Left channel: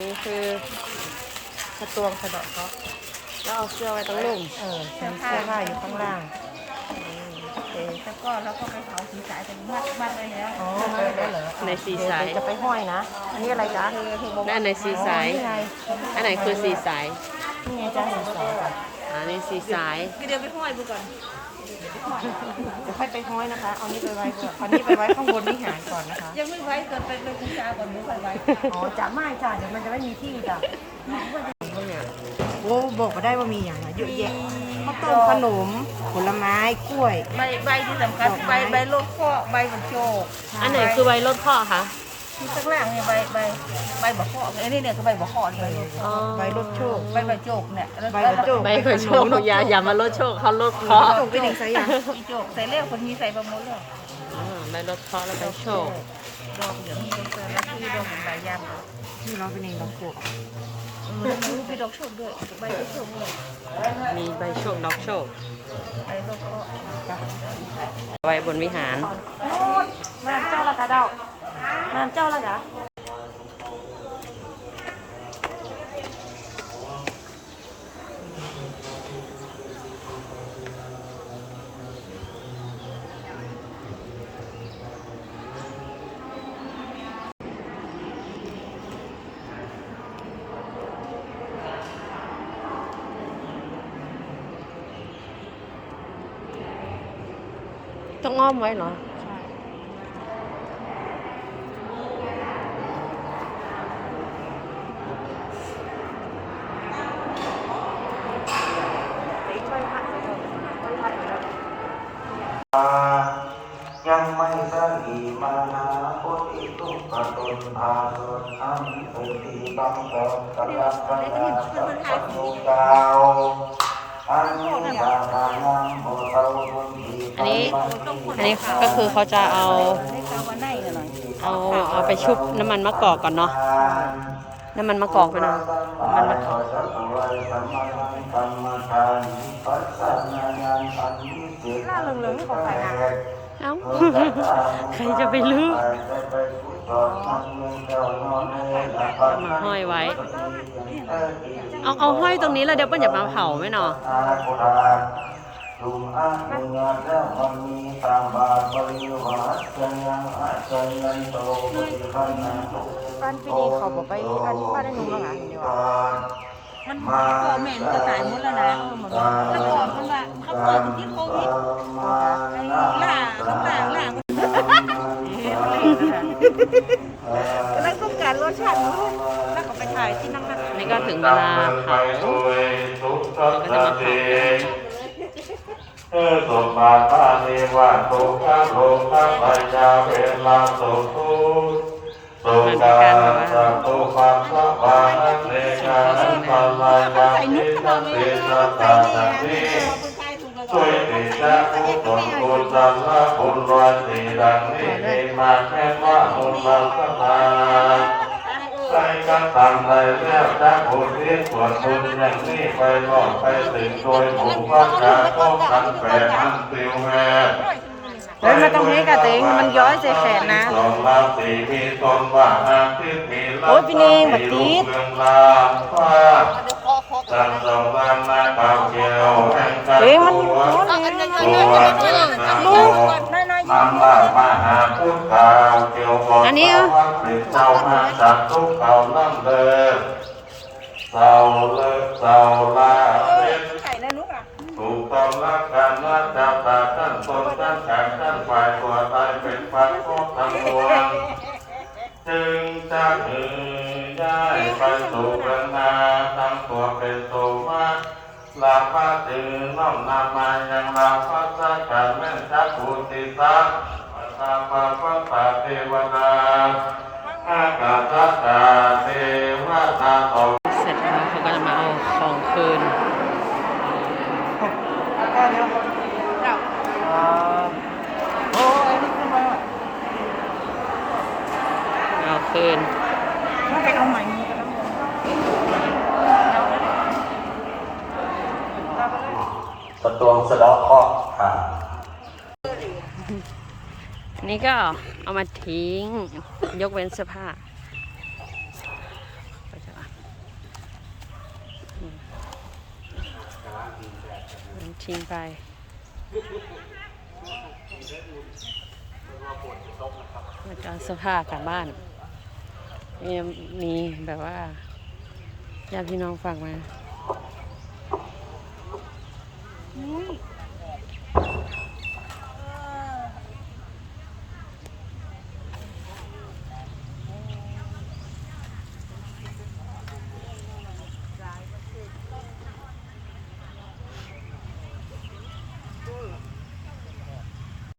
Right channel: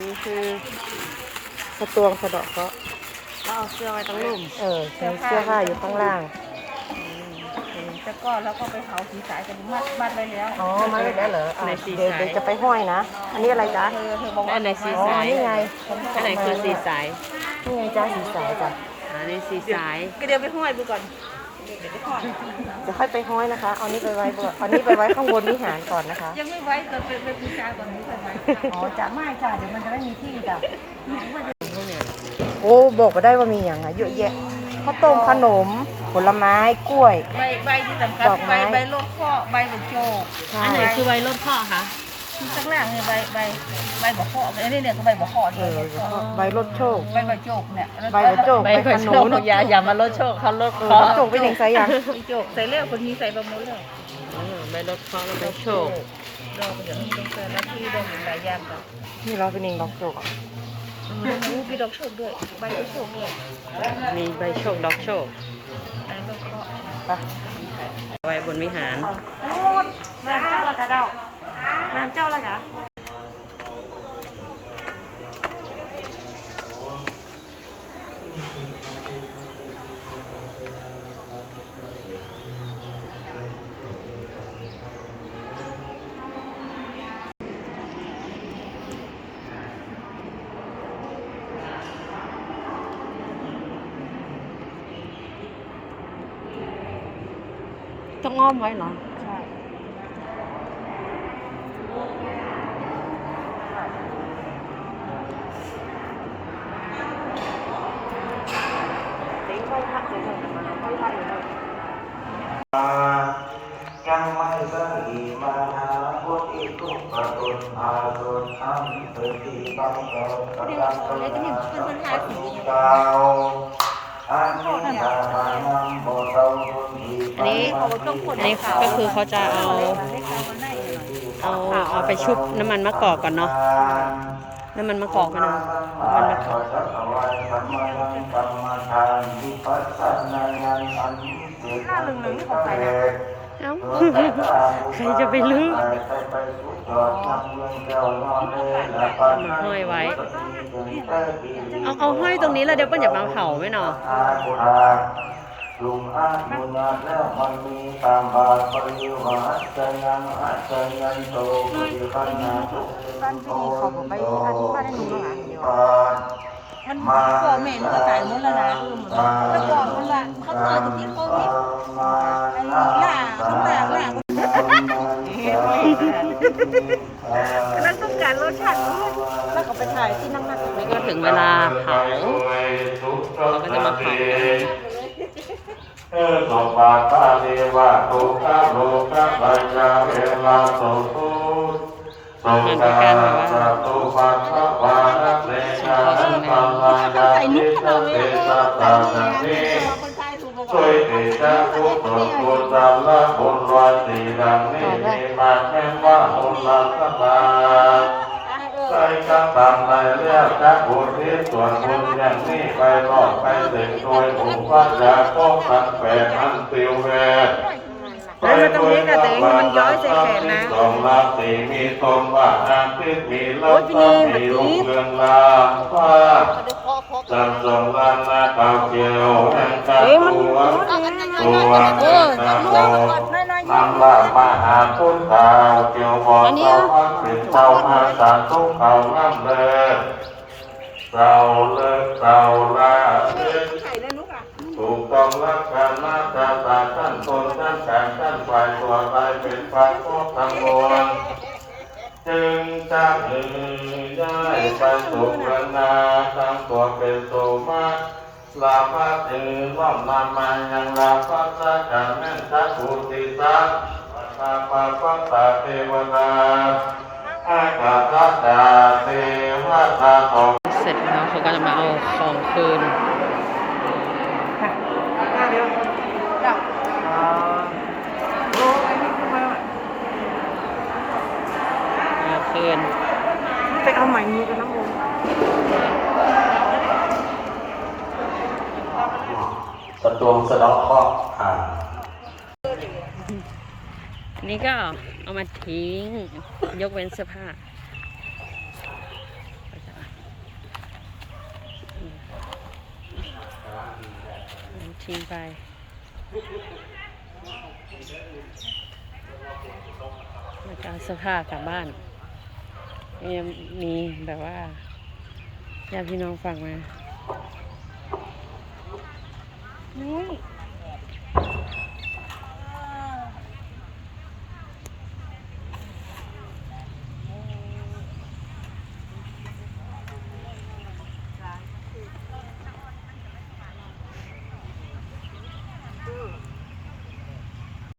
นี่คือกระตวงกระดอกก็แล้วเอาเสื้อไว้ตรงลุ่มเออมีเสื้อผ้าอยู่ข้างล่างโอเคแล้วก็เราก็ไปเผาสีสายกันเมื่อบ้านไปแล้ว อ๋อ มาอีกแล้วเหรออะในสีสาย เดี๋วจะไปห้อยนะ อันนี้อะไรจ๊ะเธอเธอบอกและว่าอันไหนสีสาย อ๋อนี่ไงอันไหนคือสีสาย นี่ไงจ้าสีสายจ้ะอันนี้สีสายก็เดี๋ยวไปห้อยดูก่อน เดี๋ยวไปห้อยจะค่อยไปห้อยนะคะเอานี้ไปไว้ก่อนเอานี้ไปไว้ข้างบนวิหารก่อนนะคะ ยังไม่ไว้ก่อนไปไปบูชาก่อนไม่ค่อยไว้อ๋อจะไม่จ้ะเดี๋ยวมันจะไม่มีที่จ้ะพวกเนี้ยโอ้บอกก็ได้ว่ามีอย่างอะเยอะแยะข้าวต้มขนม ผลไม้กล้วย ใบใบที่สำคัญดอกไม้ ใบใบโลดข้อใบบักโชกอันไหนคือใบรถข้อคะ คือข้างล่างเนี่ยใบใบใบบักข้ออันนี้เนี่ยคือใบบักข้อที่ใบโลดข้อใบรถโชคใบบักโจกเนี่ยแล้วใบบักโจกใบกระโชกอย่าอย่ามาลดโชคเขาลดเอข้ออโชคไปถึงไซยังใบโจกใส่แล้วคนมีใส่ประมดแล้วอ่าใบลดข้อแล้วใบโชคดอกเดี๋ยวมีดอกเจอแล้วที่ดอกหลายอย่างเลยนี่เราเป็นเองดอกโชคเออแล้วมีดอกโชคด้วยใบกระโชคด้วยมีใบโชคดอกโชคใบโลดข้อไว้บนวิหารมาเจ้าละกะเด้า มาเจ้าละกะ ต้องอ้อมไว้เหรอ ยังไม่ได้มาหาพุทธิทุกขตุนอาสุน อันเป็นที่บังเกิดกำลังปัญญาสัพพะนิกาวอันนี้มาทางงามบ่เท่าคนดีอันนี้อันนี้ก็คือเขาจะเอาได้ข่าวว่าในอะไรเอาเอาไปชุบน้ำมันมะกอกก่อนเนาะน้ำมันมะกอกไปเอาน้ำมันมะกอกเหลืองๆนี่ของใครนะเอ้าใครจะไปรู้ เอามาห้อยไว้ เอาเอาห้อยตรงนี้แล้วเดี๋ยวเปิ้ลจะมาเผาไหมเนาะลุงอาลุงงานแล้วมันมีตามบาปริวหัสจะยังหัสจะยังโตปิปัญญาบ้านพี่นี่เขาบอกไปอันนี้ว่าได้หนึ่งมั้งอะมันพ่อแม่มันก็ตายหมดแล้วนะแต่ก่อนมันละเขาเปิดที่โค นั่นต้องการรสชาติแล้วก็ไปถ่ายที่นั่งนะนี่ก็ถึงเวลาเผาเขาก็จะมาเผากันเออสมบัติพระชีวะตุขังโลกังปัญญาเวลาสุทุสุมันเป็นการแบบว่าตุปัสสะวาระเตชะปัญญาเขาใส่นุ๊กเราเลยเออใส่ดีนะเราคนใต้ถูกแล้ว ช่วยติดตามผู้ตกบุญตาละบุญรอยสีดังนี้ดีมาแม่ว่าบุญรักษาใส่กันตามในเลือกจากบุญที่ส่วนบุญอย่างนี้ไปรอดไปถึงโดยถูกว่าจากพ่อพันแฝงอันติวแวเฮ้ยมันต้องเล็กอะเต็งมันย้อยใส่แขนนะสองนาสีมีตนว่านาทิพมีลัโอ้ยพี่เนงบัดนี้ เมืองลาว่าจันทรงลานาเก่าเกี่ยวแห่งกาเฮ้ยมันตัวเอาอันย่อยโอ้ๆยจะได้เอเจออกันโลูกก่อนน้อยๆน้ำลาปานาทุกเก่าเกี่ยวหออันนี้เหรอเป็นเจ้ามาจากทุกเก่าล่ำเลยเศร้าเลิกเศร้าลาเช็ดใส่แล้วนุ๊กอะถูกต้องรักกันนะชาวตาท่านตนท่านแขนท่านฝ่ายตัวตายเป็นฝ่ายพวกทั้งมวล จึงจะเอ่ยย้ายไปสู่เมืองนาทั้งตัวเป็นโสมาลาพาตือน้อมนามายังลาพาสะกันแม่นจักบุติสักอาภาพตาเทวดาให้กับรักดาเทวดาของเสร็จแล้วเขาก็จะมาเอาของคืนเอา เกิน ถ้าไปเอาใหม่มีกันดตะวงสะดอกข้ออ่าอันนี้ก็เอามาทิ้ง ยกเว้นเสื้อผ้าไปทิ้งไปแล้วก็เสื้อผ้ากลับบ้าน มีแบบว่าญาติพี่น้องฝากมา